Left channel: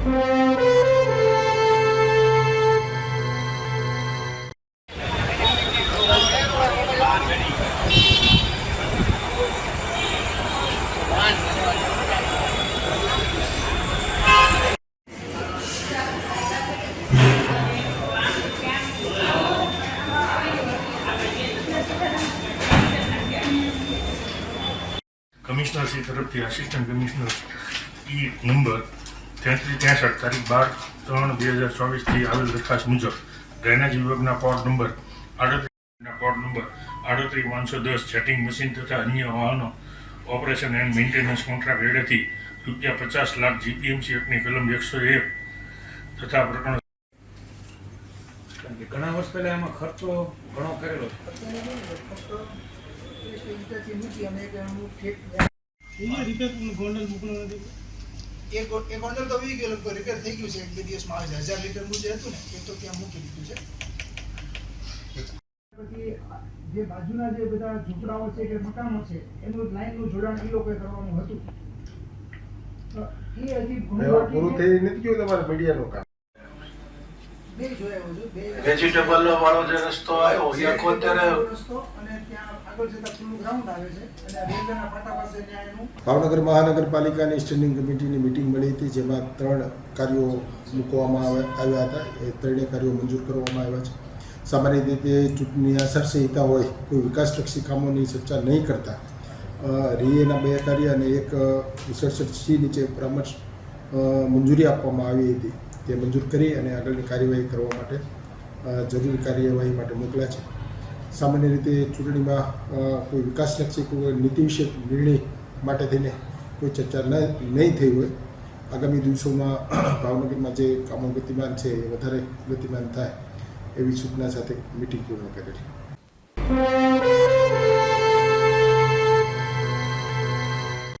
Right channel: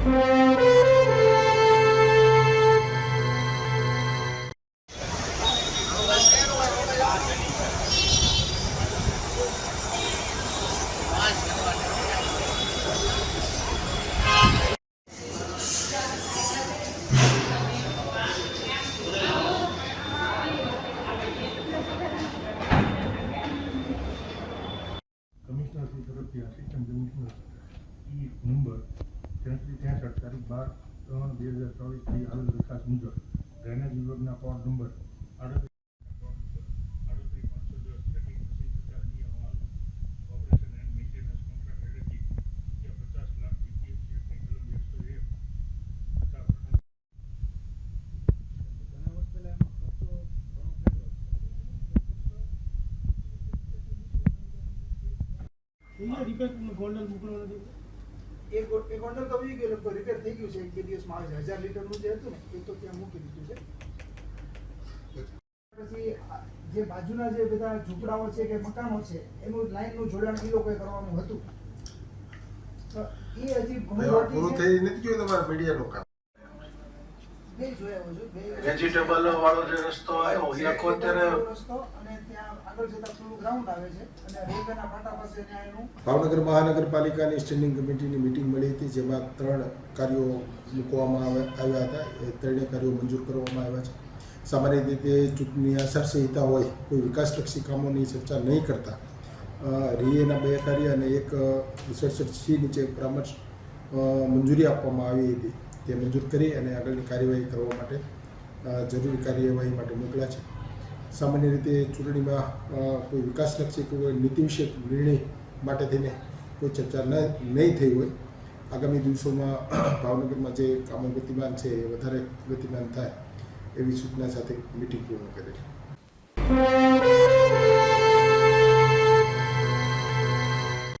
Commissioner Shri તરફથી assistant commissioner number 3363 તારીખ 12/3/2024 આવેલ દરખાસ્ત મુજબ ડ્રેનેજ વિભાગના કોડ નંબર 38 સેટિંગ મશીન તથા અન્ય વાહનો ઓપરેશન એન્ડ મેન્ટેનન્સ કોન્ટ્રાક્ટ હેઠળથી ₹50 લાખ જીપીએમસી એક્ટની કલમ 101 તથા પ્રકરણ ઘણા વર્ષ પહેલા એમાં ખર્ચો ઘણો કરેલો ગોંડલ તો વી ગયેલું રિપેર થઈ ગયું છે. 2 દિવસમાં આવે છે. 1000 લીટરનું જે હતું ને એ તો ત્યાં મૂકી દીધું છે. પછી જે બાજુના જે બધા ઝૂંપડાઓ છે કે મકાનો છે એનું લાઈનનું જોડાણ એ લોકોએ કરવાનું હતું. તો એ હજી પૂરું થઈ નથી ગયું તમારા મીડિયાનું કામ. વેજીટેબલ વાળો જે રસ્તો આવ્યો એ અત્યારે રસ્તો અને ત્યાં આગળ જતા ખુલ્લું ગ્રાઉન્ડ આવે છે અને રેલવેના પાટા પાસે ત્યાં એનું ભાવનગર મહાનગરપાલિકાની સ્ટેન્ડિંગ કમિટીની મિટિંગ મળી હતી, જેમાં 3 કાર્યો મૂકવામાં આવ્યા હતા. એ 3 કાર્યો મંજૂર કરવામાં આવ્યા છે. સામાન્ય રીતે ચૂંટણી આચારસંહિતા હોય કોઈ વિકાસલક્ષી કામોની ચર્ચા નહીં કરતા રીએના 2 કાર્ય અને 167C નીચે પરામર્શ મંજૂરી આપવામાં આવી હતી. તે મંજૂર કરી અને આગળની કાર્યવાહી કરવા માટે જરૂરી કાર્યવાહી માટે મોકલ્યા છે. સામાન્ય રીતે ચૂંટણીમાં કોઈ વિકાસલક્ષી કોઈ નીતિ વિશે નિર્ણય માટે થઈને કોઈ ચર્ચા નહીં થઈ હોય, આગામી દિવસોમાં ભાવનગરમાં જે કામો ગતિમાન છે એ વધારે ગતિમાન થાય એવી સૂચના સાથે મિટિંગ પૂર્ણ કરી છે.